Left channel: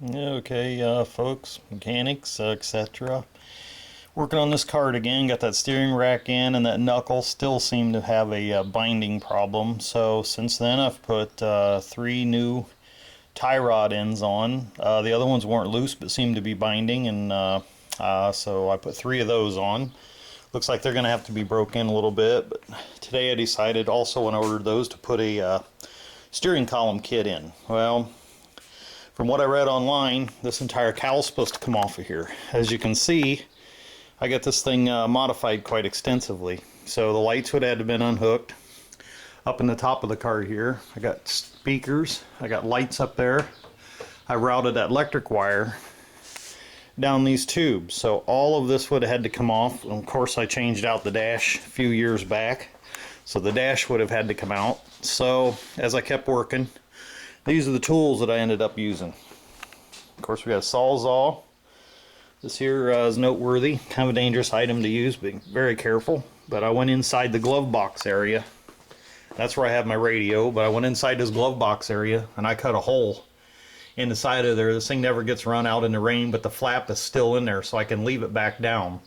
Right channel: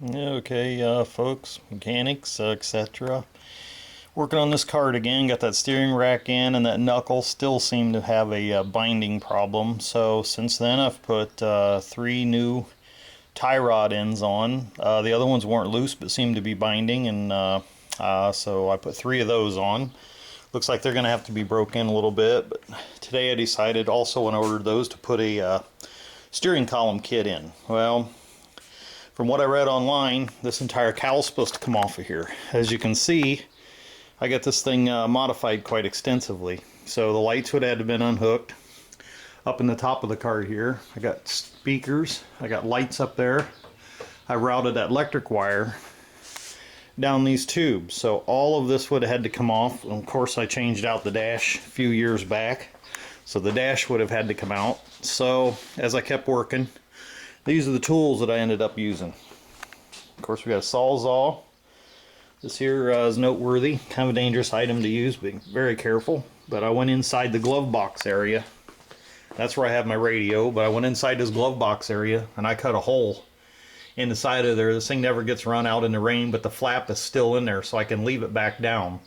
Okay, folks, mechanics, etc. Working on this cart again, got that steering rack in, and that knuckle still seemed to have a binding problem. So since then I've put 3 new tie rod ends on. The other ones weren't loose but seemed to be binding, and so I put 3 of those on. Looks like they're going to have to be broken a little bit, but today I decided also when I ordered those to put a steering column kit in. Well, from what I read online, this entire cowl's supposed to come off of here. As you can see, I got this thing modified quite extensively. So the lights would have had to been unhooked. Up in the top of the cart here, I got speakers, I got lights up there. I routed that electric wire down these tubes. So all of this would have had to come off. And of course I changed out the dash a few years back. So the dash would have had to come out. So as I kept working, these are the tools that I ended up using. Of course, we got a Sawzall. This here is noteworthy, kind of a dangerous item to use, be very careful. But I went inside the glove box area. That's where I have my radio, but I went inside this glove box area and I cut a hole in the side of there. This thing never gets run out in the rain, but the flap is still in there, so I can leave it back down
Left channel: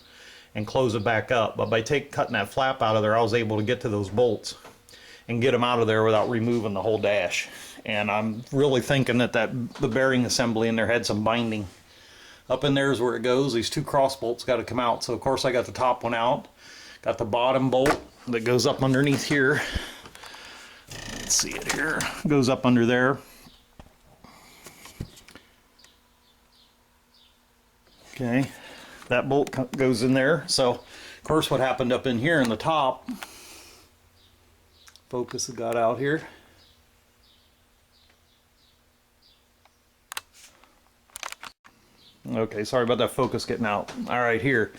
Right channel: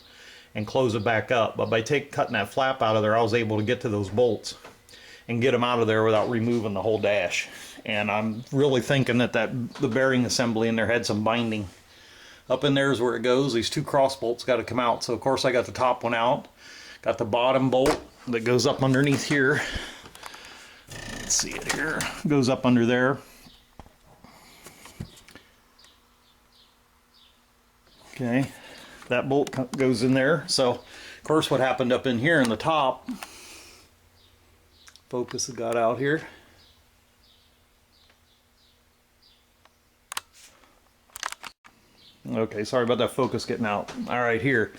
and close it back up. But by cutting that flap out of there, I was able to get to those bolts and get them out of there without removing the whole dash. And I'm really thinking that the bearing assembly in there had some binding. Up in there is where it goes. These 2 cross bolts got to come out. So of course I got the top one out. Got the bottom bolt that goes up underneath here. Let's see it here. Goes up under there. Okay, that bolt goes in there. So of course what happened up in here in the top, focus has got out here. Okay, sorry about that focus getting out. Alright, here.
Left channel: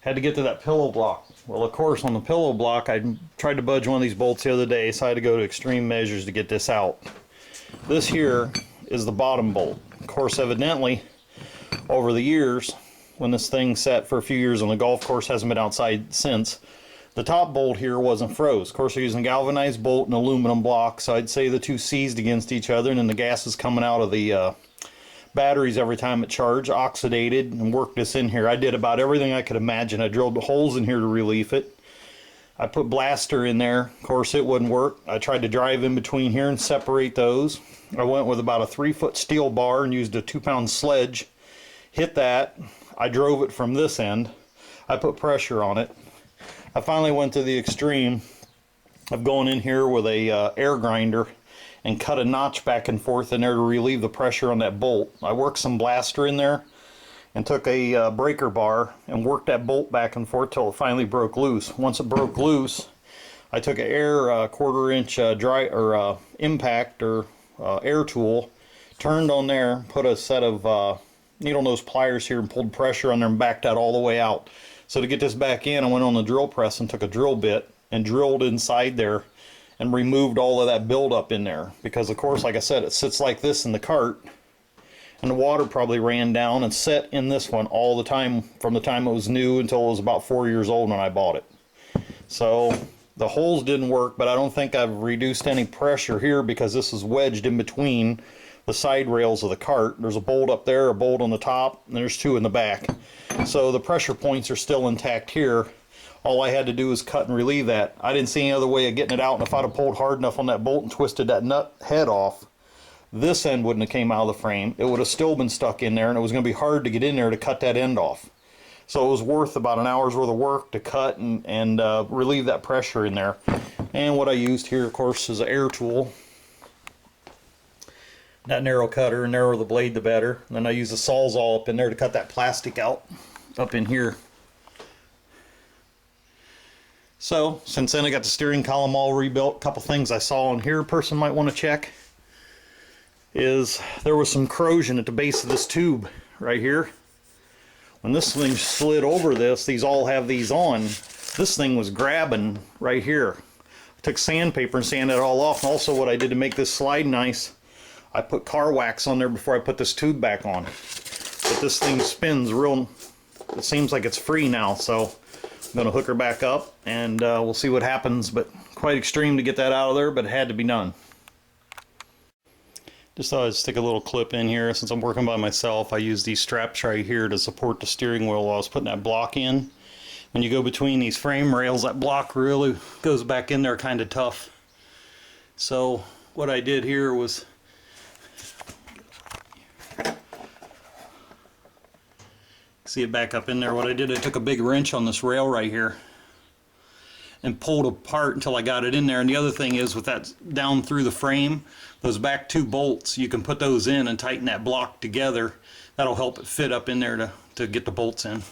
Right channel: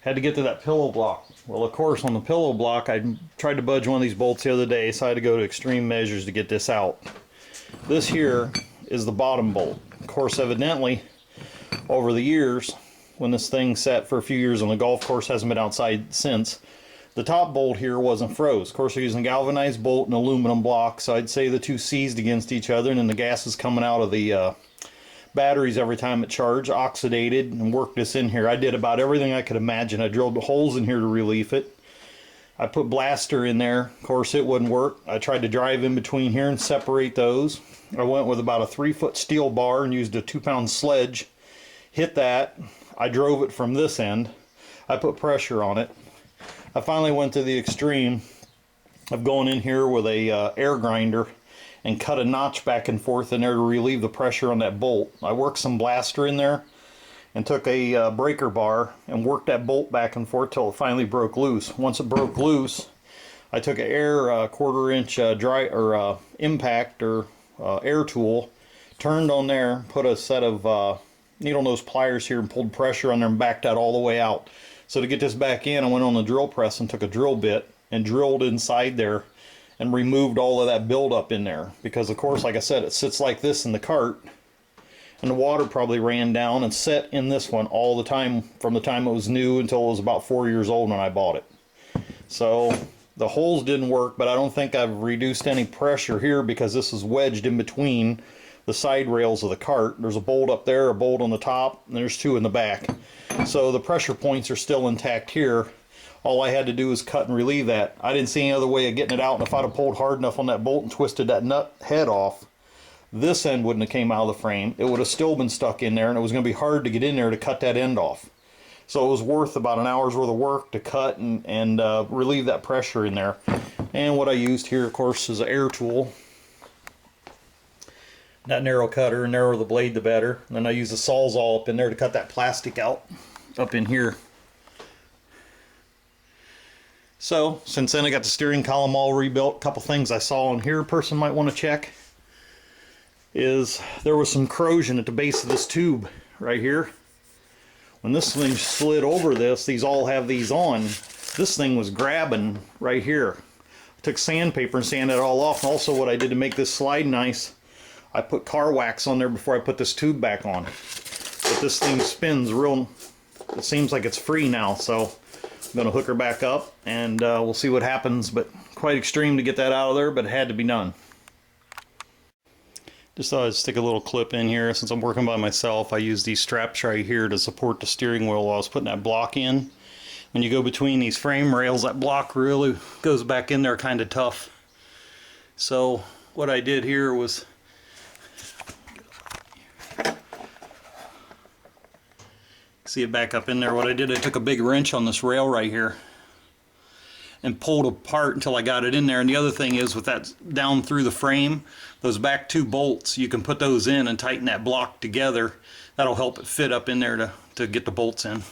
Had to get to that pillow block. Well, of course, on the pillow block, I tried to budge one of these bolts the other day, so I had to go to extreme measures to get this out. This here is the bottom bolt. Of course, evidently, over the years, when this thing sat for a few years on the golf course, hasn't been outside since, the top bolt here wasn't froze. Of course, they're using a galvanized bolt and aluminum block, so I'd say the 2 seized against each other, and then the gas is coming out of the batteries every time it charged, oxidated, and worked this in here. I did about everything I could imagine. I drilled holes in here to relieve it. I put blaster in there. Of course, it wouldn't work. I tried to drive in between here and separate those. I went with about a 3-foot steel bar and used a 2-pound sledge. Hit that. I drove it from this end. I put pressure on it. I finally went to the extreme of going in here with a air grinder and cut a notch back and forth in there to relieve the pressure on that bolt. I worked some blaster in there and took a breaker bar and worked that bolt back and forth till it finally broke loose. Once it broke loose, I took an air 1/4 inch impact or air tool, turned on there, put a set of needle nose pliers here and pulled pressure on there and backed that all the way out. So to get this back in, I went on the drill press and took a drill bit and drilled inside there and removed all of that buildup in there, because of course, like I said, it sits like this in the cart, and the water probably ran down and set in this one all the time from the time it was new until it was about 4 years old when I bought it. So the holes didn't work, but I don't think I've reduced any pressure here because this is wedged in between the side rails of the cart. There's a bolt up there, a bolt on the top, and there's 2 in the back. So the pressure points are still intact here. All I had to do was cut and relieve that. I didn't see any other way of getting it out, and if I'd have pulled hard enough on that bolt and twisted that nut head off, this end wouldn't have came out of the frame. It would have still been stuck in there, and it was going to be hard to get in there to cut that end off. So it was worth about an hour's worth of work to cut and relieve that pressure in there. And what I used here, of course, is an air tool. That narrow cutter, narrower the blade the better. And then I used a Sawzall up in there to cut that plastic out up in here. So, since then I got the steering column all rebuilt. A couple things I saw on here a person might want to check is there was some corrosion at the base of this tube right here. When this thing slid over this, these all have these on. This thing was grabbing right here. I took sandpaper and sanded it all off. And also what I did to make this slide nice, I put car wax on there before I put this tube back on. But this thing spins real, it seems like it's free now, so I'm going to hook her back up and we'll see what happens, but quite extreme to get that out of there, but it had to be done. Just thought I'd stick a little clip in here. Since I'm working by myself, I use these straps right here to support the steering wheel while I was putting that block in. When you go between these frame rails, that block really goes back in there kind of tough. So what I did here was, see it back up in there. What I did, I took a big wrench on this rail right here and pulled apart until I got it in there. And the other thing is, with that down through the frame, those back 2 bolts, you can put those in and tighten that block together. That'll help it fit up in there to get the bolts in.